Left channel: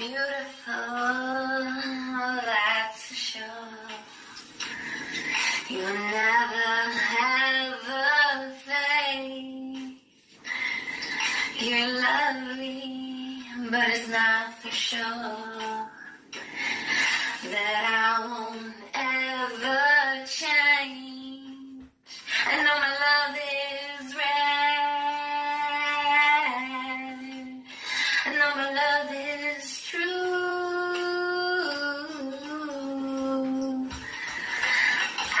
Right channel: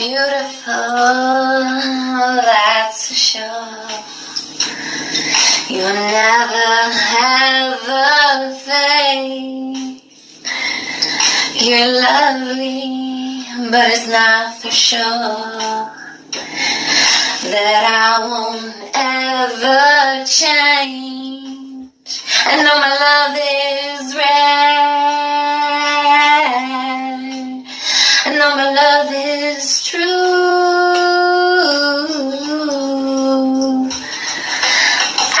beautiful, that's for sure. You'll never have a fade. You're lovely, but it's not for sure that I won't ever change. I know my love is rare. I know my love is true.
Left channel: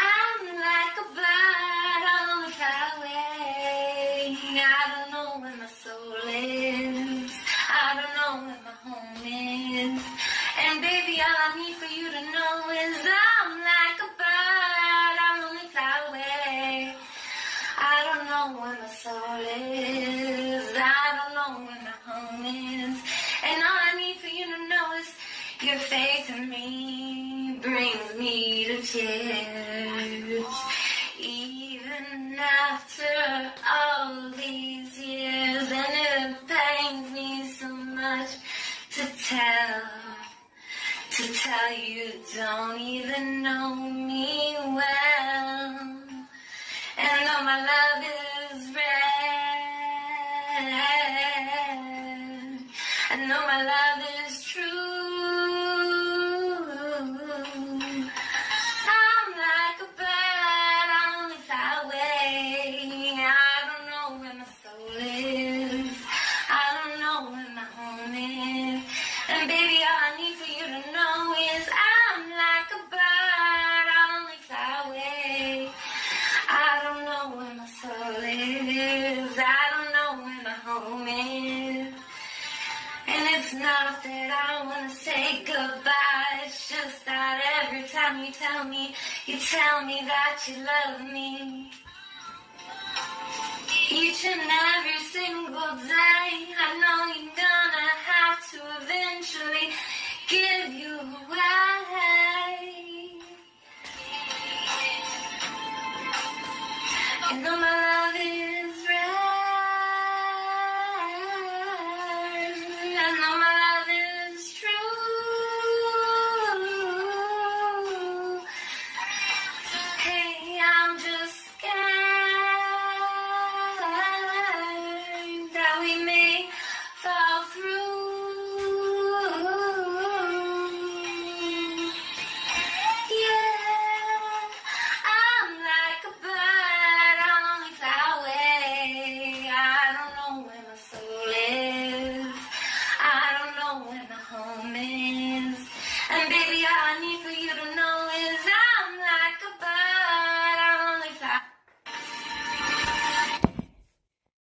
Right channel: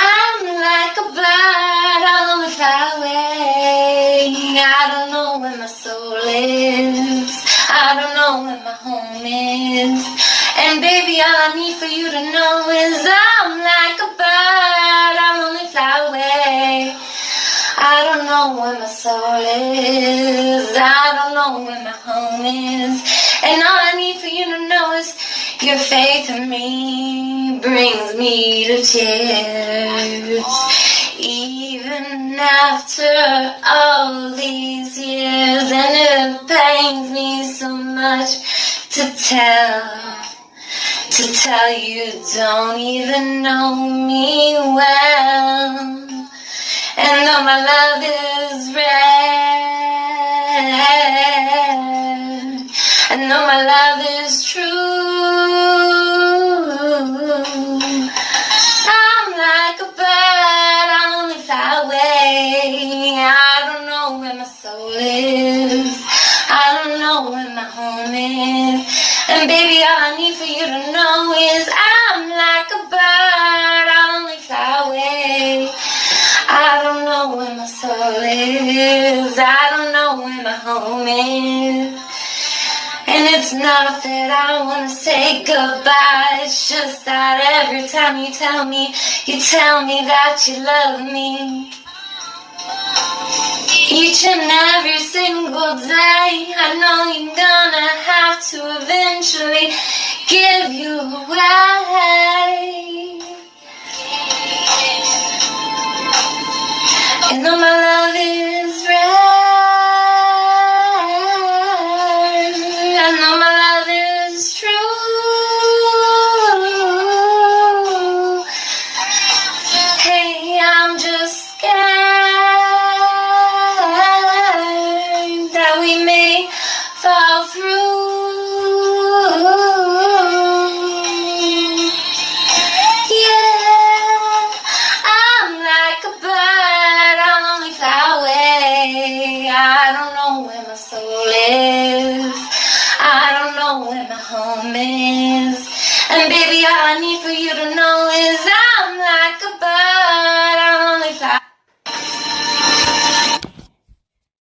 I'm like a bird, I'll only fly away. I don't know where my soul is. I don't know where my home is. And baby, all I need for you to know is I'm like a bird, I'll only fly away. I don't know where my soul is. I don't know where my home is. And all I need for you to know is your faith in me brings me to tears. Even after all these years, and it pains me so much to tell you don't even know me well. And though my love is rare, and though my love is true, I'm like a bird, I'll only fly away. I don't know where my soul is. I don't know where my home is. And baby, all I need for you to know is I'm like a bird, I'll only fly away. I don't know where my soul is. I don't know where my home is. And it's not that I want to say goodbye. It's just that every time you tell me that you love me. Each and every single day, I know you're gonna have to eventually give you away. And though my love is rare, I know my love is true. Hey, I'm just scared that we may fall through. I don't know where my home is.